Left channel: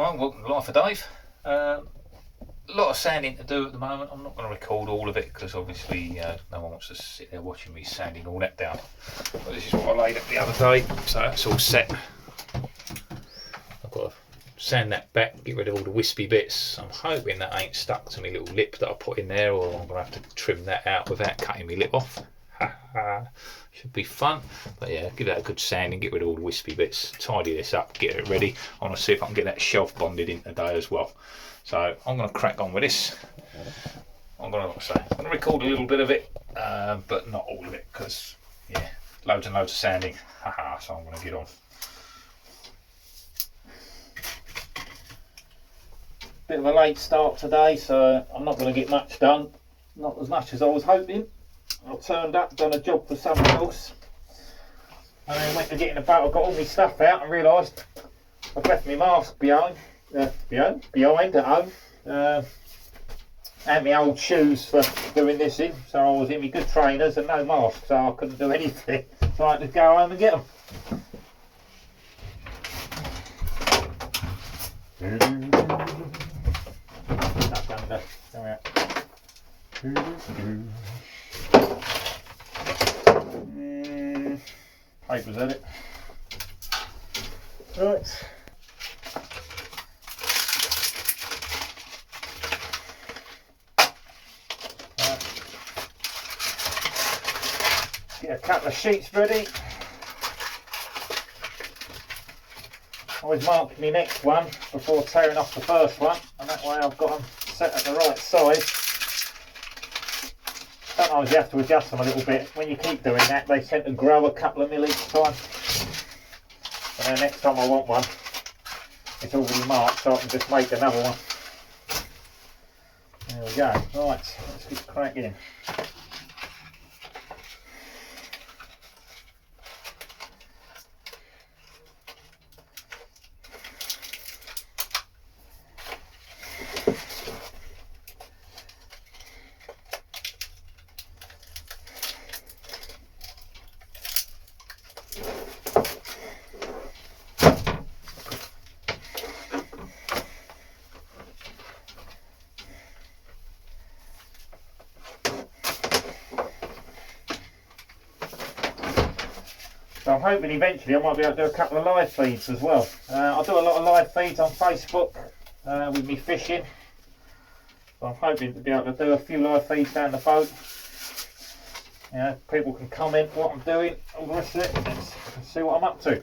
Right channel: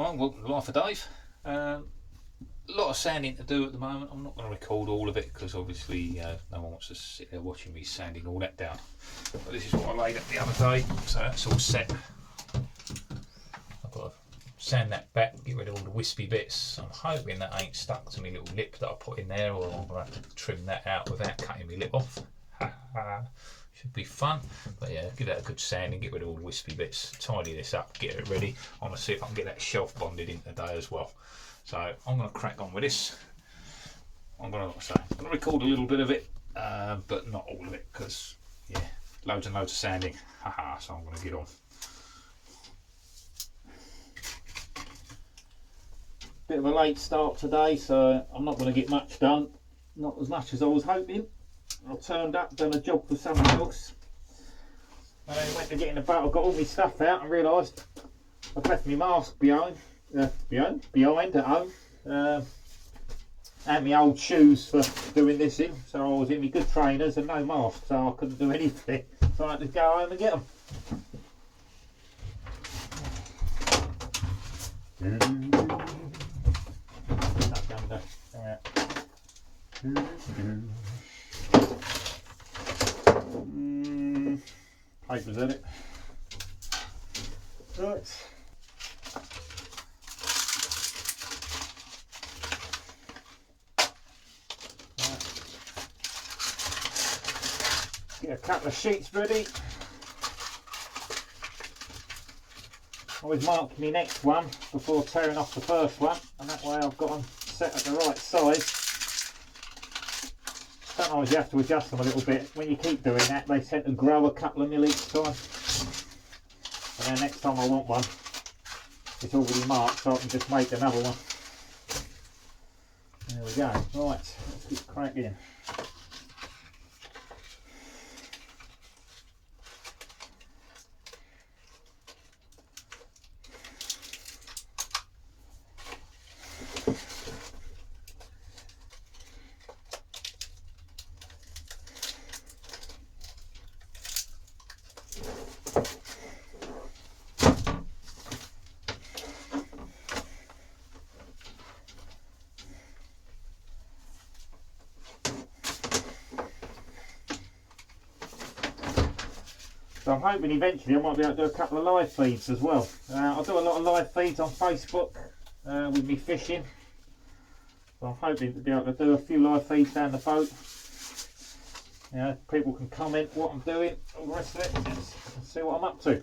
Alright, welcome to Life of Dave. A lot of sanding to do at the moment. I'm not going to record all of it because obviously no one wants to sit there watching me sanding all that down. But this is what I laid up the other day, so that's all set. I've got to sand that back, get rid of all the wispy bits. I'm hoping that ain't stuck to my little lip that I put in there, or I'm going to have to trim that out without cutting my lip off. Should be fun. But yeah, give that a good sanding, get rid of all the wispy bits, tidy this up, get it ready. I want to see if I can get that shelf bonded in today as well. So I'm going to crack on with this. I'm going to record a little bit of it, but not all of it, because yeah, loads and loads of sanding. So I'm going to get on. Bit of a late start today, so I'm not going to get much done. Not as much as I was hoping. I turned up, done a job for someone else, and then went to get in the boat. I got all my stuff out and realised I've left my mask behind at home, and my old shoes for doing this in. So I was in my good trainers and no mask, so I couldn't do anything. So I had to go home and get them. Papers at it. Right. Get a couple of sheets ready. Always mark my next one before tearing off the first one, and that way I've got them set at the right size. Sometimes you have to adjust them a little bit. When you keep doing that, they tend to grow a couple of mil each time. And then next time I want one, it's already marked, so I can just make another one. There we go. Right, let's get cracking. So I'm hoping eventually I might be able to do a couple of live feeds as well. I do a lot of live feeds on Facebook with me fishing. So I'm hoping to be able to do a few live feeds down the boat. You know, people can comment what I'm doing, all the rest of it, and see what I'm up to.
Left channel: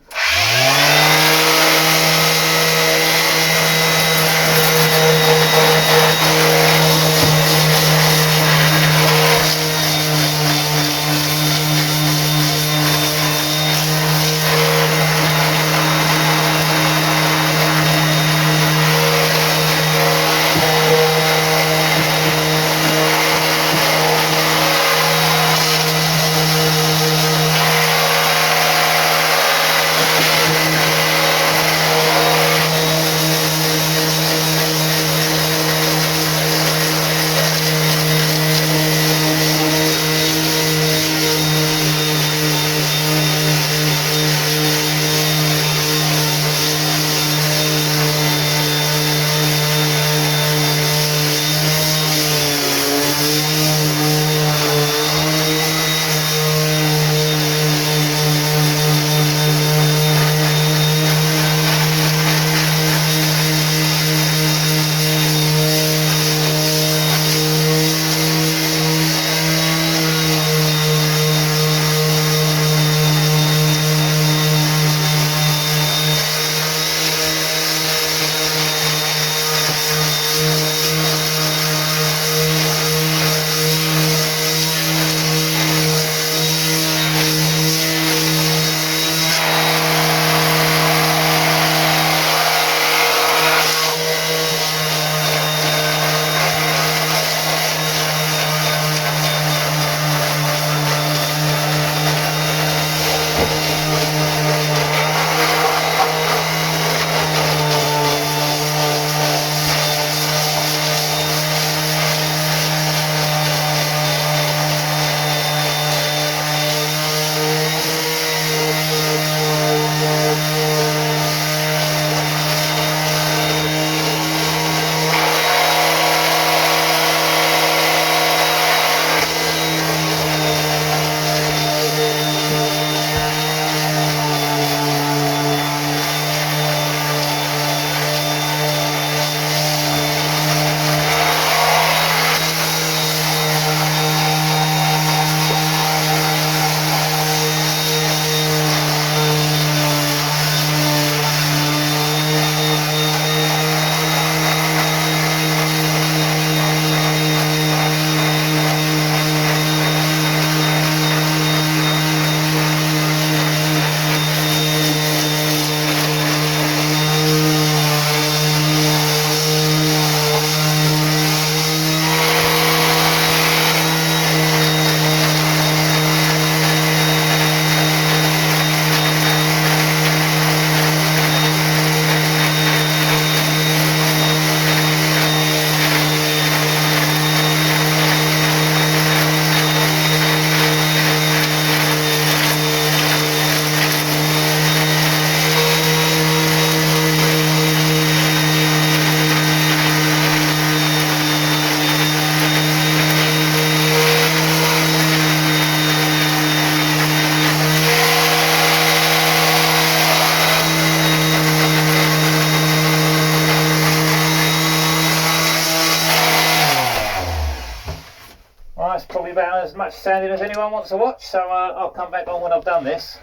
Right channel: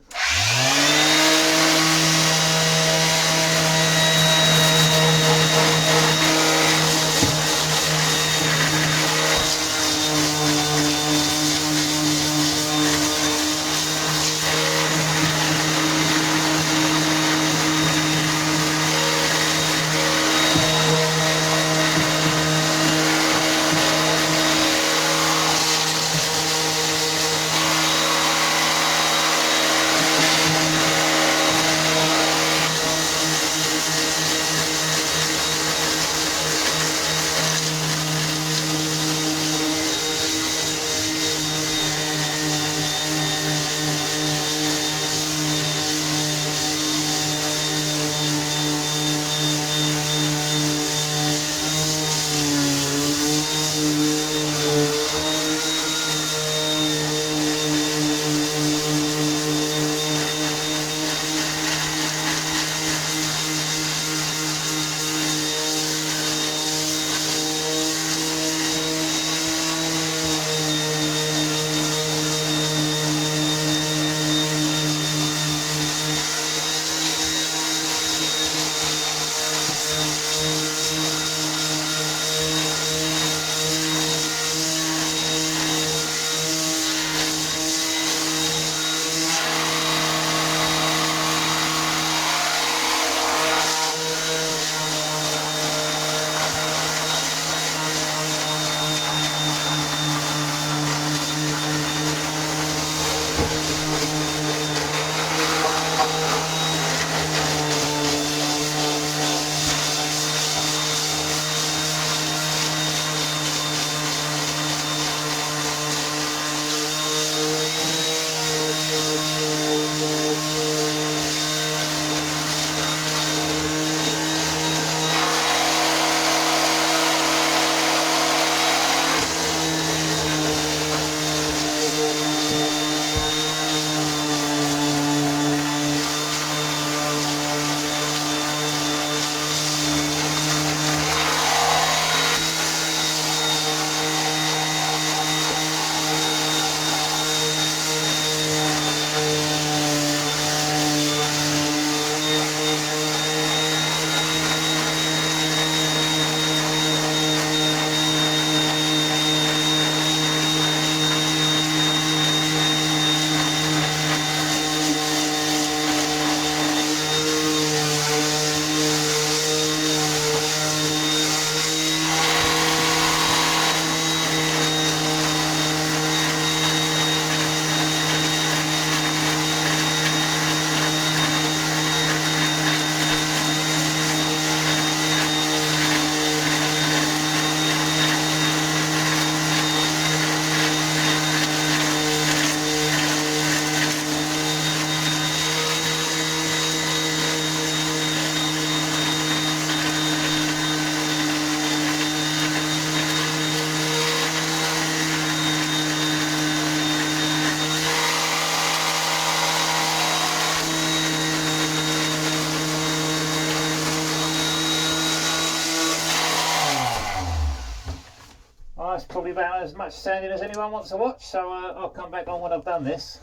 about as much sanding as anyone wants to watch, so I'll come back on when I've done this.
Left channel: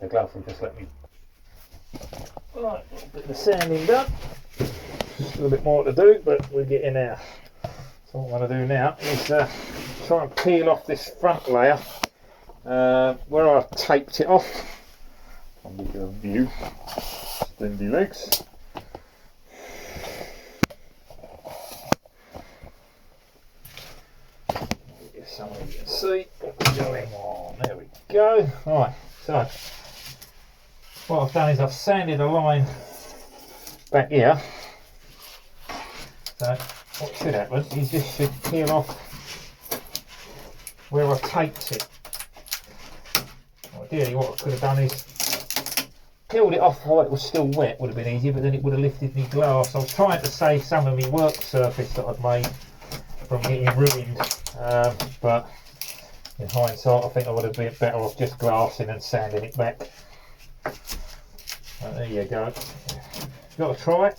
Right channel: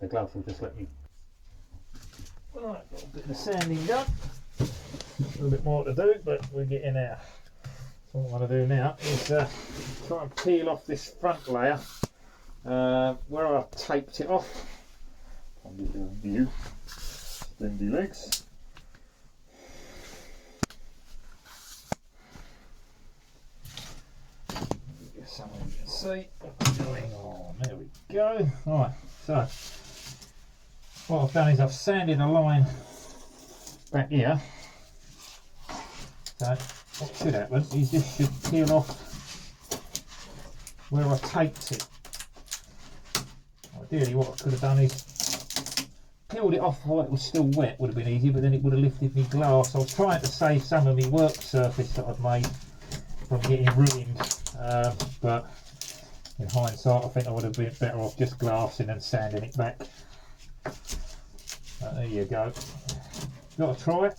The glove will just let me. Right, a little bit of the sanding done. Just a little bit more to do, but we're getting there. So what I'm going to do now is try and peel off this front layer where I've taped it off. I'll give you a view. Slendy legs. Get something you can see what's going on. There we go. Right, so what I've done is I've sanded a line back here. So what should happen is this should peel off where I taped it. Ideally what I could have done is peeled it off while it was still wet, would have been easier, but then it would have lifted me glass. I was trying to save some of my work surface that I'd made from getting ruined, but in hindsight I think I would have been better off just glassing and sanding it back. There you go. You've got to try it.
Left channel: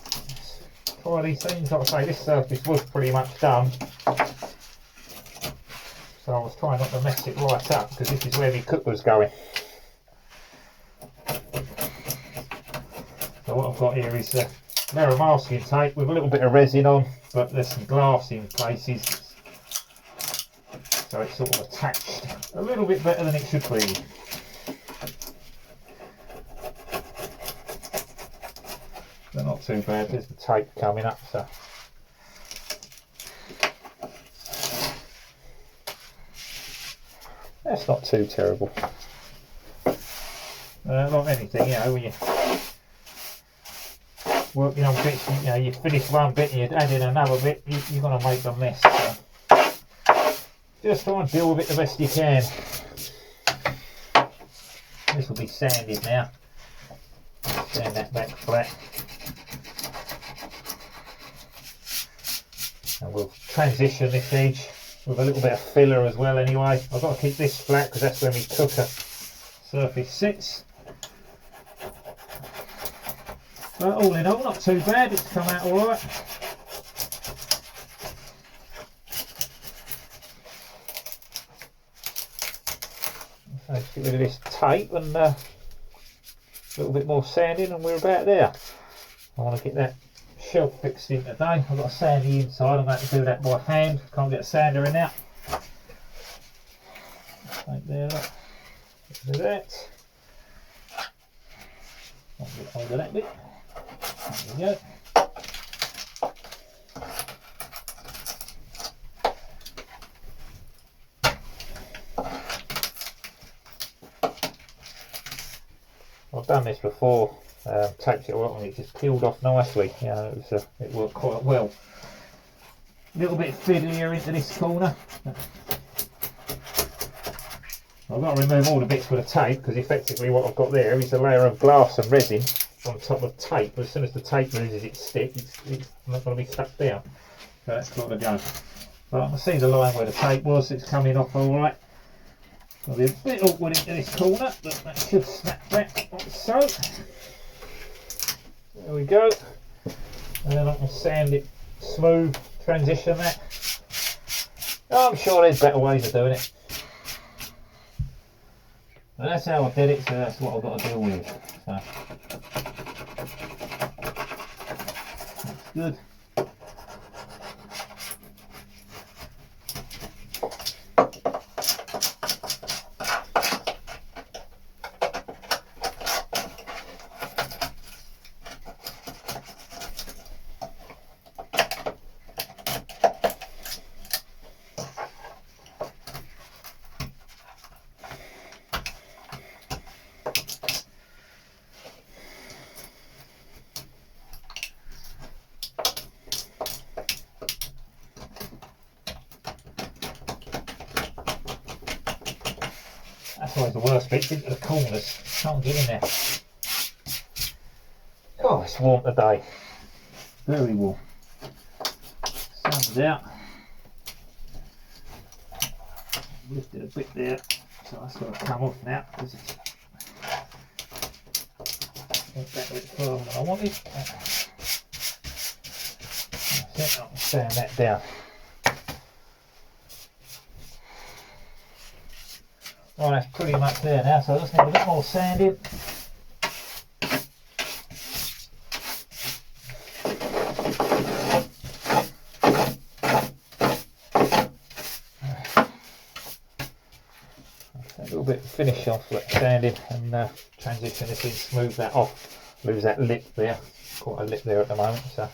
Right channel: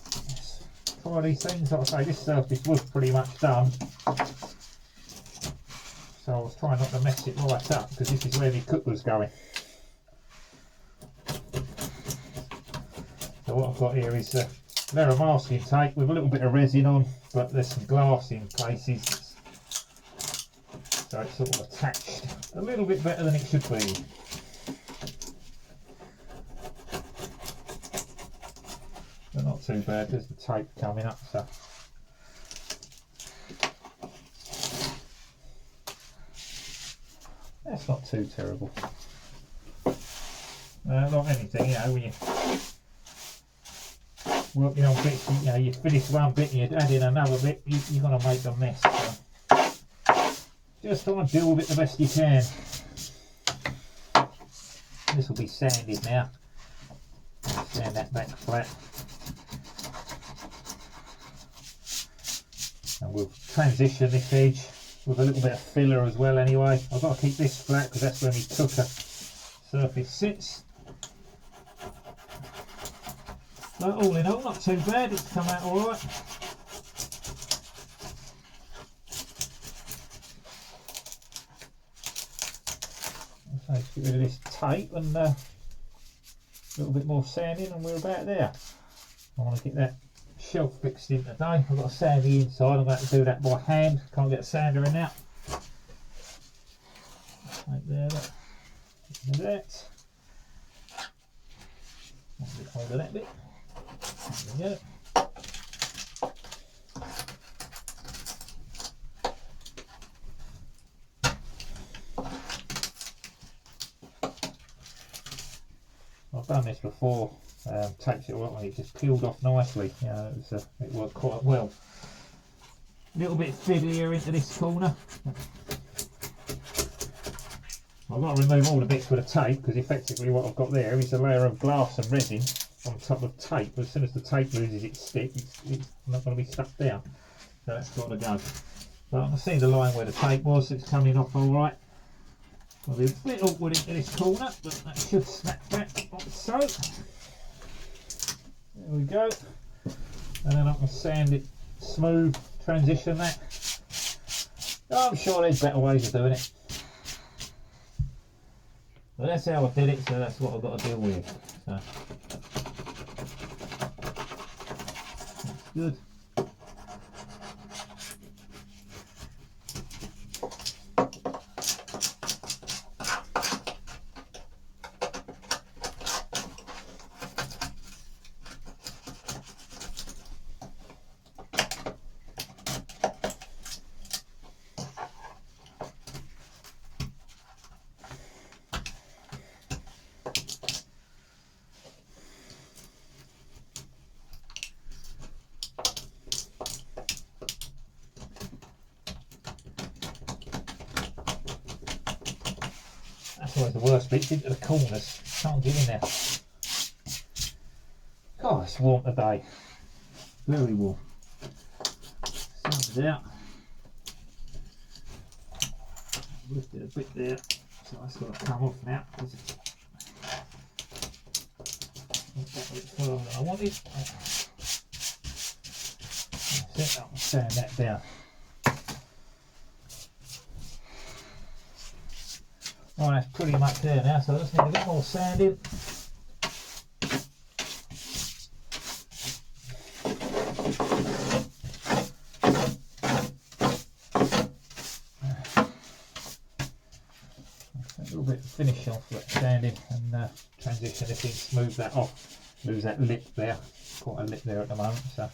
Try these things. Like I say, this surface was pretty much done, so I was trying not to mess it right up because this is where my cook was going. So what I've got here is a layer of masking tape with a little bit of resin on, but there's some glass in places, so it's sort of attached a little bit better than it should be. But not too bad, there's the tape coming up, so that's not too terrible. Not anything, you know, when you're working on bits, you know, you finish one bit and you add in another bit, you're going to make a mess. So just try and deal with it the best you can. This will be sanded now. Sand that back flat. And we'll transition this edge with a little bit of filler as well anyway. I've got to keep this flat because that's where my cooker surface sits. But all in all, not too bad, it's come out alright. So let's get rid of this tape and a little bit more sanding and we're about there. I want to get that shelf fixed in today. I've got to sand the inside, I'm going to do that by hand, can't get a sander in there. Right there, do that. I'll get hold of that bit. There we go. I've done this before, taped it all up and it just peeled off nicely. You know, it worked quite well. A little bit fiddlier into this corner. I've got to remove all the bits with the tape because effectively what I've got there is a layer of glass and resin on top of tape. As soon as the tape loses its stick, it's not going to be stuck down. So that's got to go. But I can see the line where the tape was, it's coming off alright. I'll be a bit awkward into this corner, but that should snap back like so. There we go. And then I can sand it smooth, transition that. I'm sure there's better ways of doing it. But that's how I did it, so that's what I've got to deal with. So that's good. That's always the worst bit, into the corners. Can't get in there. Oh, it's warm today. Very warm. Sun's out. Lifted a bit there, so that's got to come off now because it's not that bit further than I wanted. That's it. sand that down. Right, that's pretty much there now, so I just need a bit more sanding. A little bit to finish off that sanding and transition this in, smooth that off, lose that lip there, quite a lip there at the moment. So.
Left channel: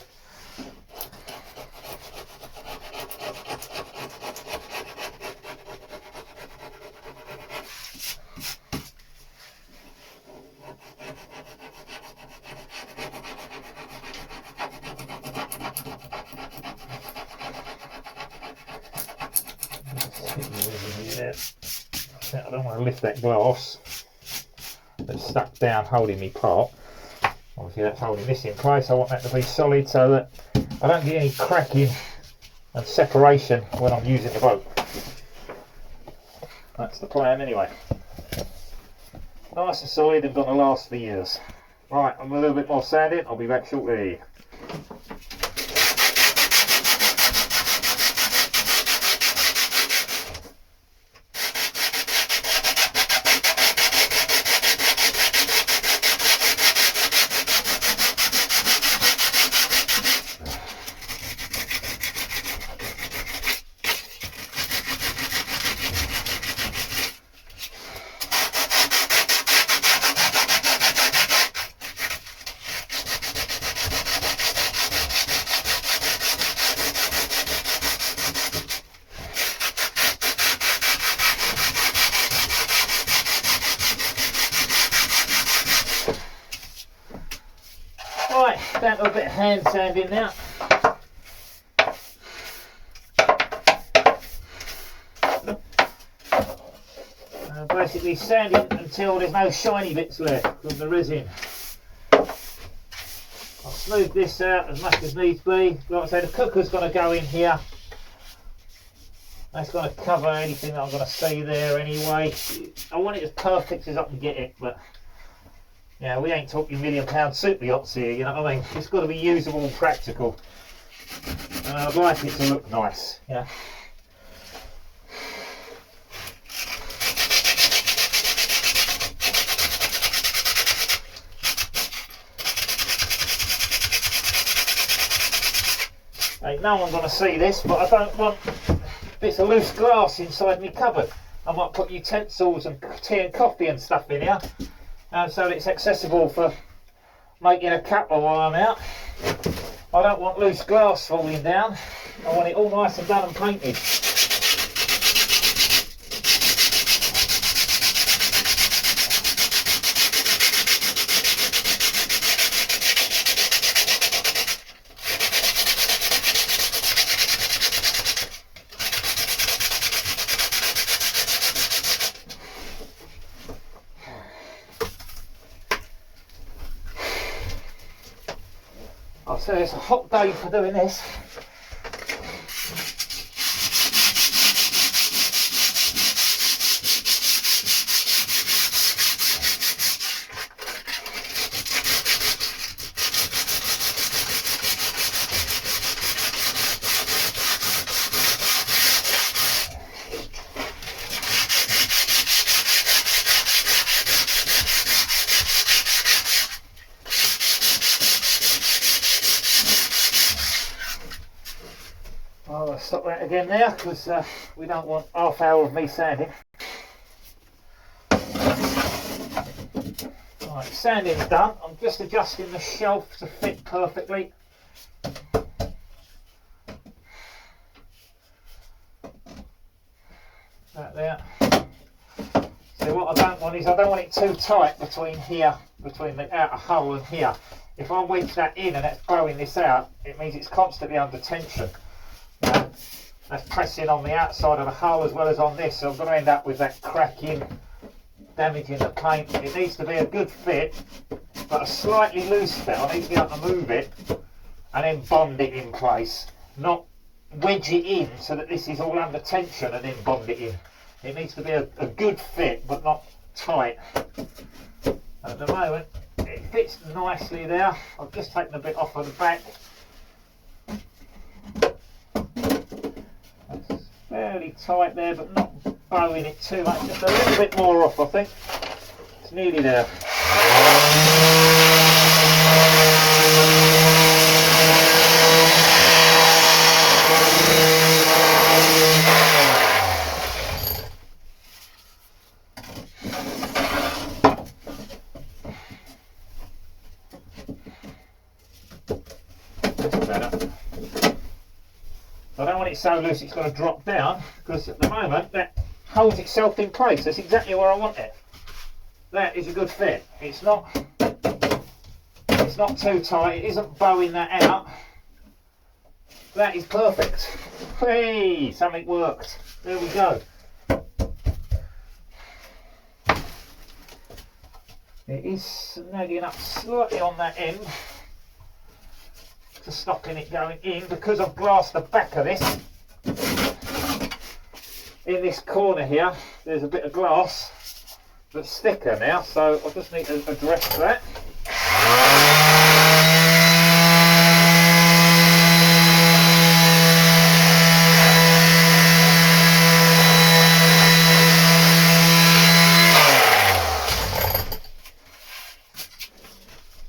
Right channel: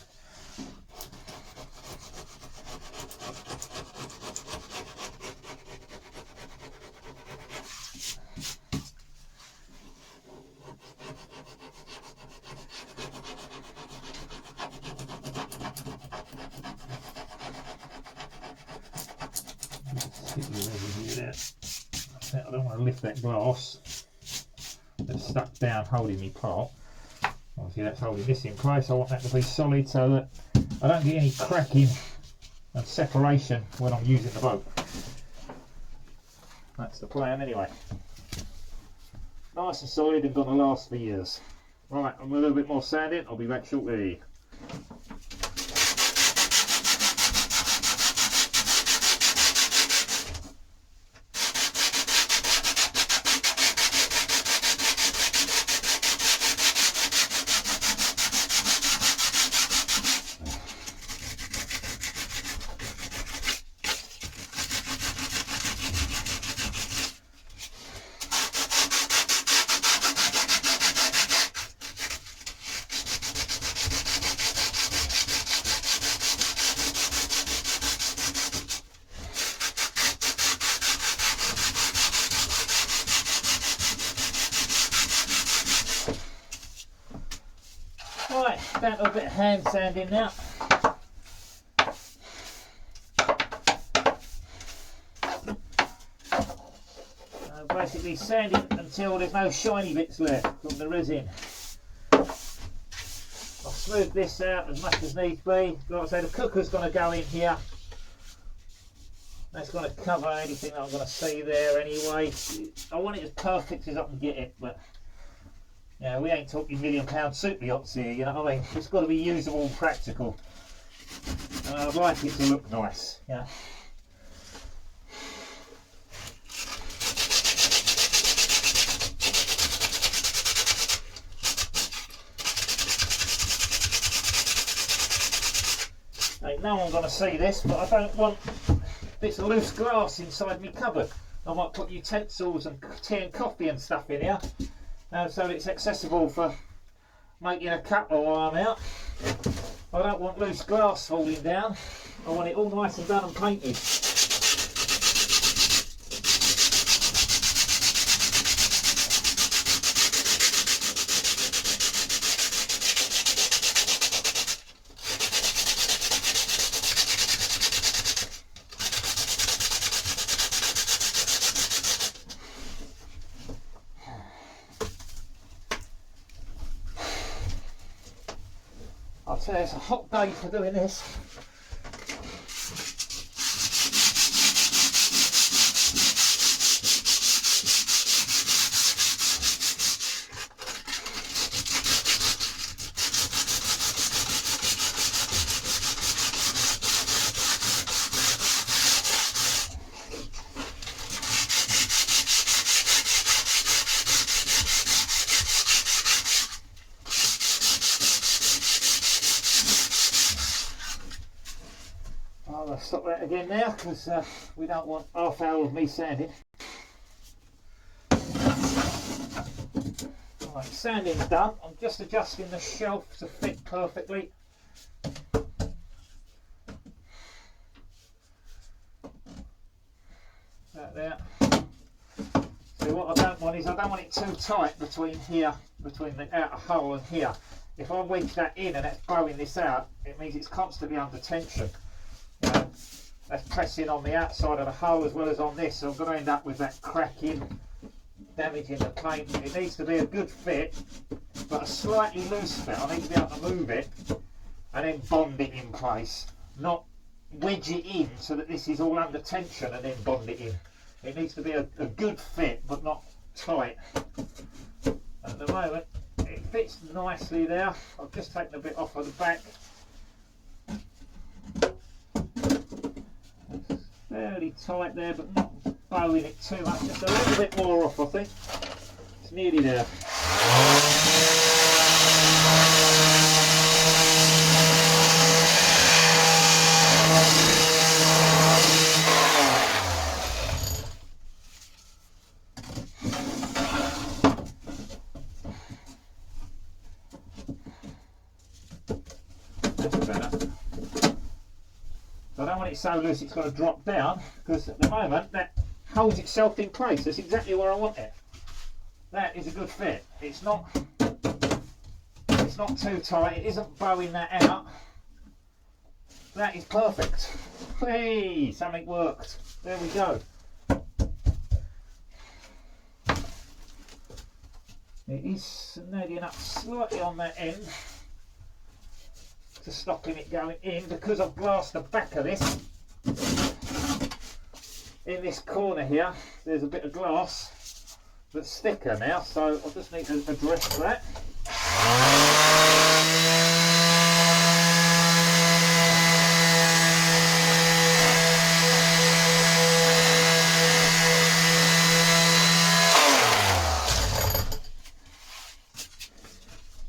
I don't want to lift that glass that's stuck down holding me pot. Obviously that's holding this in place. I want that to be solid so that I don't get any cracking and separation when I'm using the boat. That's the plan anyway. Nice and solid and going to last for years. Right, I'm a little bit more sanding. I'll be back shortly. Right, down to a bit of hand sanding now. Basically sanding until there's no shiny bits left from the resin. I'll smooth this out as much as needs be. Like I say, the cooker's going to go in here. That's going to cover anything that I'm going to see there anyway. I want it as perfect as I can get it, but yeah, we ain't talking £1 million super yachts here, you know what I mean? It's got to be usable and practical. And I'd like it to look nice, yeah. Ain't no one going to see this, but I don't want bits of loose glass inside my cupboard. I might put utensils and tea and coffee and stuff in here. So it's accessible for making a cuppa while I'm out. I don't want loose glass falling down. I want it all nice and done and painted. I'll say it's a hot day for doing this. I'll stop that again now because we don't want half hour of me sanding. Right, sanding's done. I'm just adjusting the shelf to fit perfectly. That there. So what I don't want is I don't want it too tight between here, between the outer hull and here. If I wedge that in and that's blowing this out, it means it's constantly under tension. That's pressing on the outside of the hull as well as on this, so I'm going to end up with that cracking, damaging the paint. It needs to be a good fit, but a slightly loose fit. I need to be able to move it and then bond it in place, not wedge it in so that this is all under tension and then bond it in. It needs to be a good fit but not tight. At the moment it fits nicely there. I've just taken a bit off of the back. fairly tight there, but not bowing it too much, just a little bit more off I think. It's nearly there. Better. I don't want it so loose it's going to drop down, because at the moment that holds itself in place. That's exactly where I want it. That is a good fit. It's not too tight, it isn't bowing that out. That is perfect. Hey, something worked. There we go. It is snagging up slightly on that end to stopping it going in, because I've glassed the back of this. In this corner here there's a bit of glass that's thicker now, so I just need to address that.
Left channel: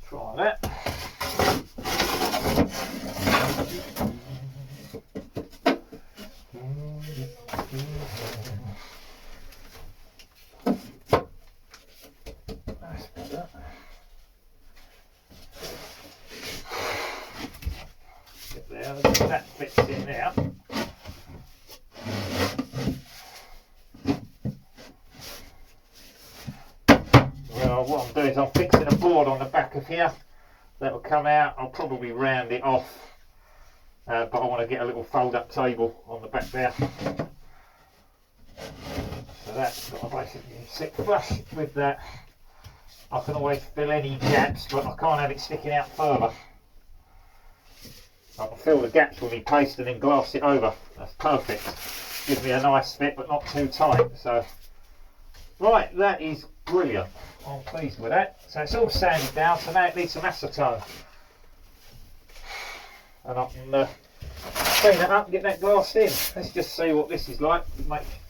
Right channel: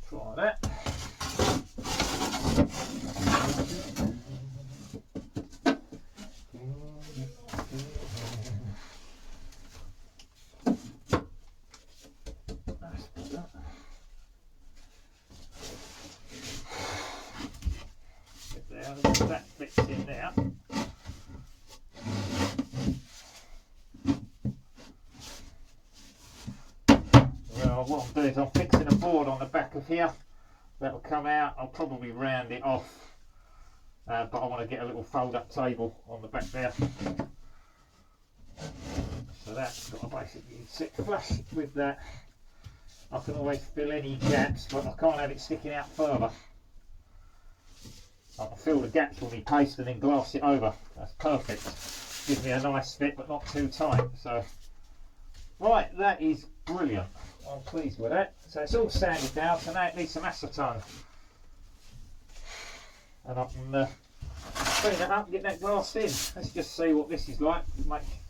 Try that. That fits in there. Well, what I'm doing is I'm fixing a board on the back of here that will come out. I'll probably round it off, but I want to get a little fold-up table on the back there. So that's what I basically sit flush with that. I can always fill any gaps, but I can't have it sticking out further. I can fill the gaps with my paste and then glass it over. That's perfect. Gives me a nice fit but not too tight. So, right, that is brilliant. I'm pleased with that. So it's all sanded down, so now it needs some acetone. And I can clean it up and get that glassed in. Let's just see what this is like.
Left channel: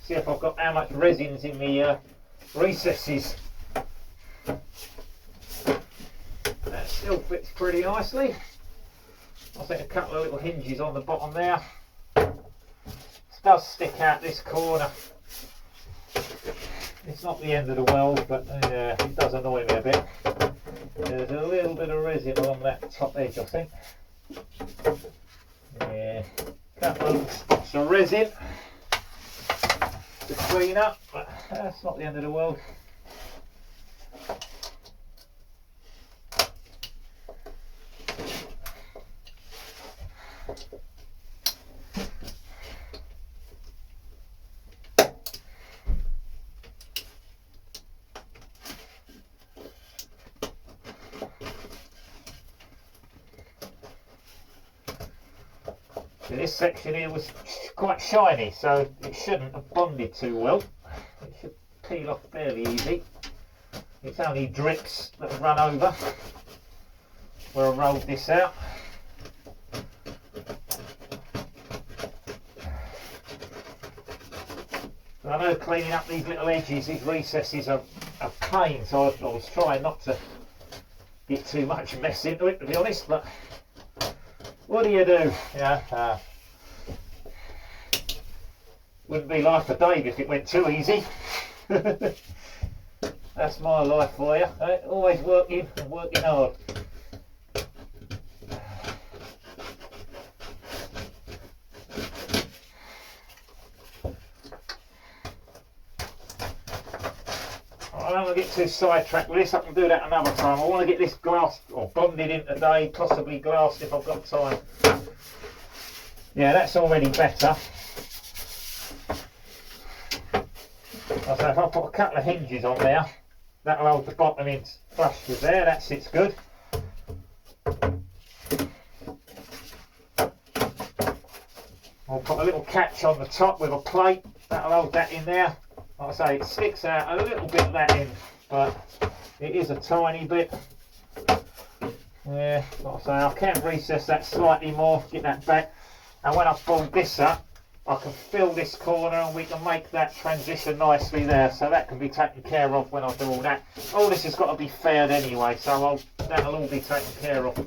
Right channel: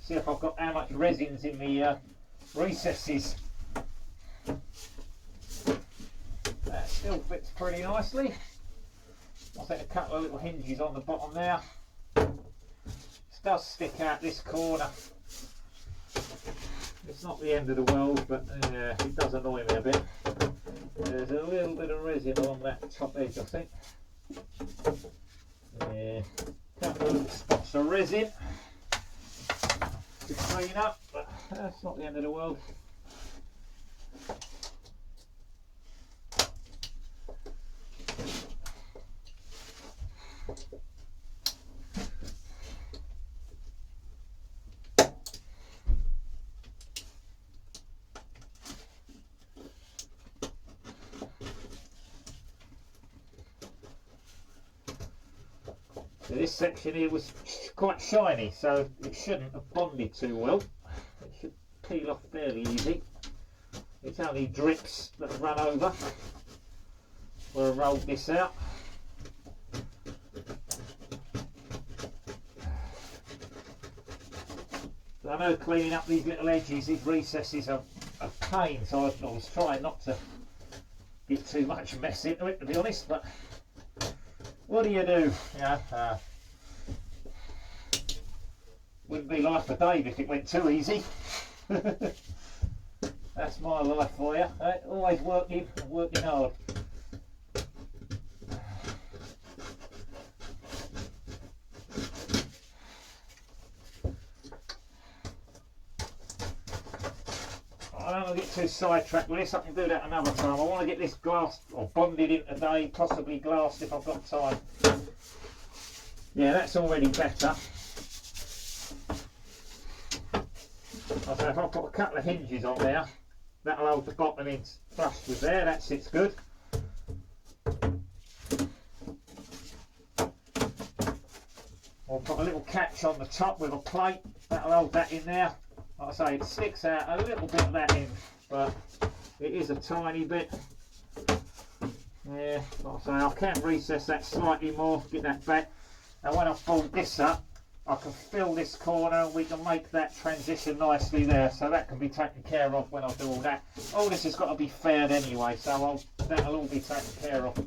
See if I've got how much resin's in the recesses. That still fits pretty nicely. I think a couple of little hinges on the bottom there. It does stick out this corner. It's not the end of the world, but it does annoy me a bit. There's a little bit of resin on that top edge, I think. Yeah, couple of spots of resin to clean up, but that's not the end of the world. So this section here was quite shiny, so it shouldn't have bonded too well. It should peel off fairly easy. It's only drips that have run over where I rolled this out. So I know cleaning up these little edges, these recesses are a pain, so I was trying not to get too much mess into it, to be honest, but what do you do? Yeah, wouldn't be life for Dave if it went too easy. That's my life for you. Always working and working hard. I don't want to get too sidetracked with this. I can do that another time. I want to get this glassed or bonded in today, possibly glassed if I've got time. Yeah, that's already better. So if I put a couple of hinges on there, that'll hold the bottom in flush with there. That sits good. I'll put a little catch on the top with a plate. That'll hold that in there. Like I say, it sticks out a little bit of that in, but it is a tiny bit. Yeah, like I say, I can recess that slightly more, get that back. And when I fold this up, I can fill this corner and we can make that transition nicely there, so that can be taken care of when I do all that. All this has got to be faired anyway, so that'll all be taken care of.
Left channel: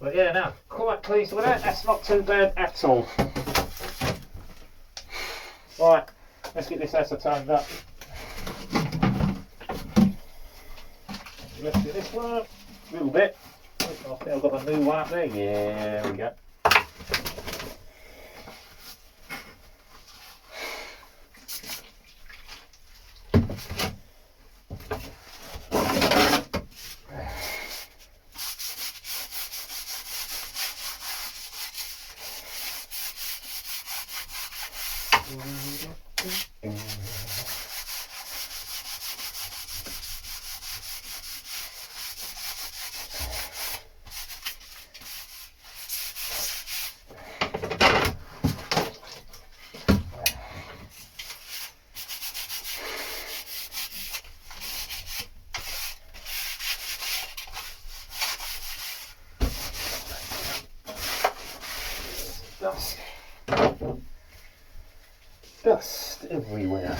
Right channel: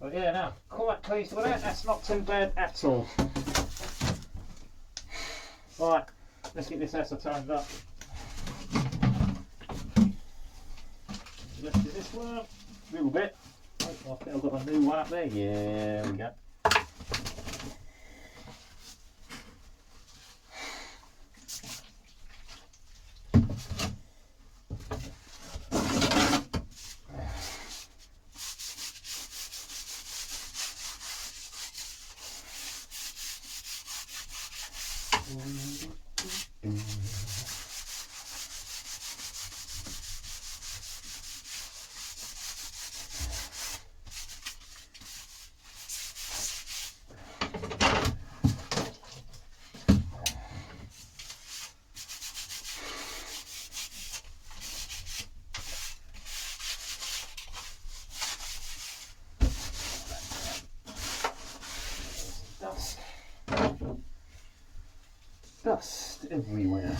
But yeah, no, quite pleased with that. That's not too bad at all. Right, let's get this acetoned up. Let's do this one a little bit. I think I've got a new one up there. Yeah, there we go. Dust everywhere.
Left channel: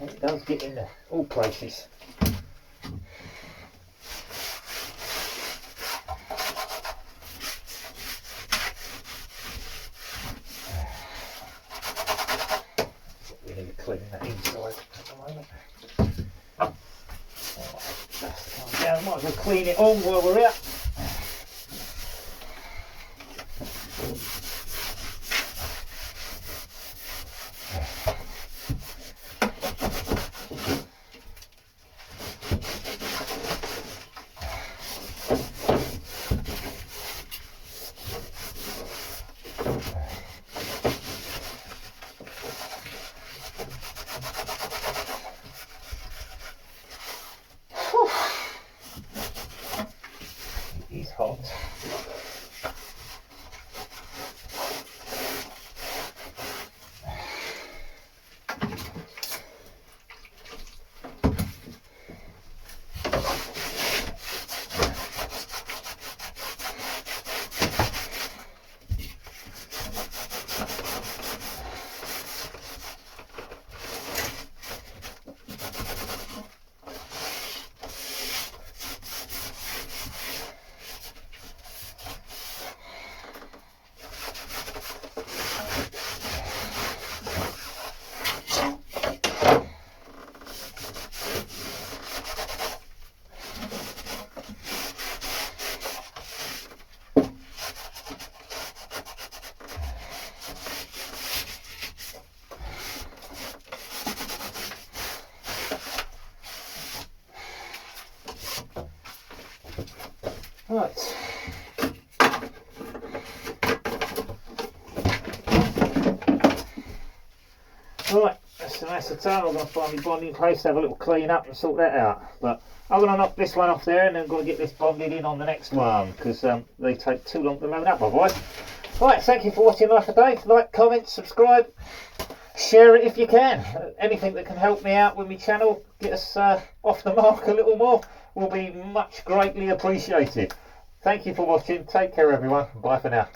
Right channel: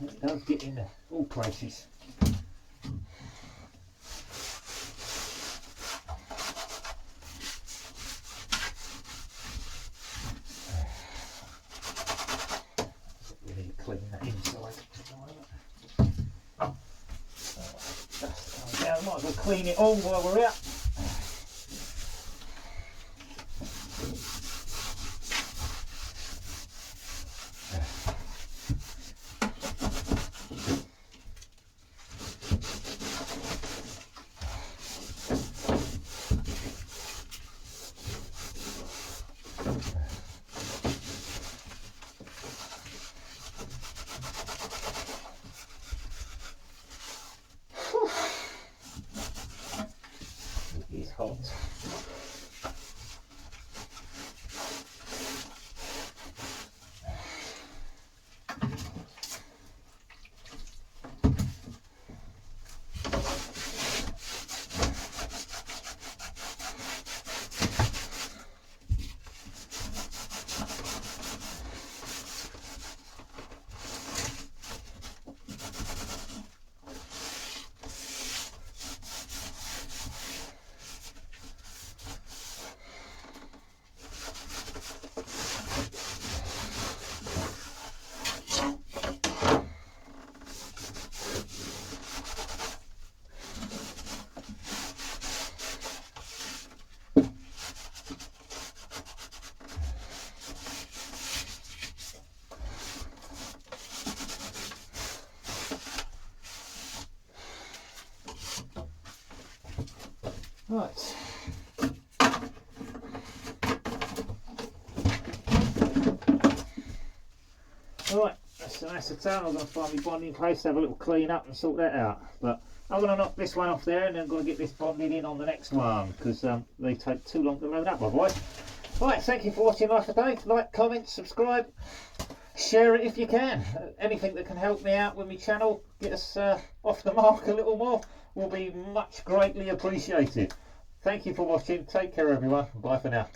It does get in all places. We need to clean that inside at the moment. Dust coming down. Might as well clean it all while we're here. He's hot. Right. Right, that's the acetone. I'm going to find my bonding place, have a little clean up and sort that out. But I'm going to knock this one off there and then I'm going to get this bonded in on the next one because they take too long to load up otherwise. Right, thank you for watching Life of Dave. Like, comment, subscribe, share it if you can. Anything that can help me out with my channel, get us off the mark a little more, will be much greatly appreciated. Thank you for watching. Take care everyone. Bye for now.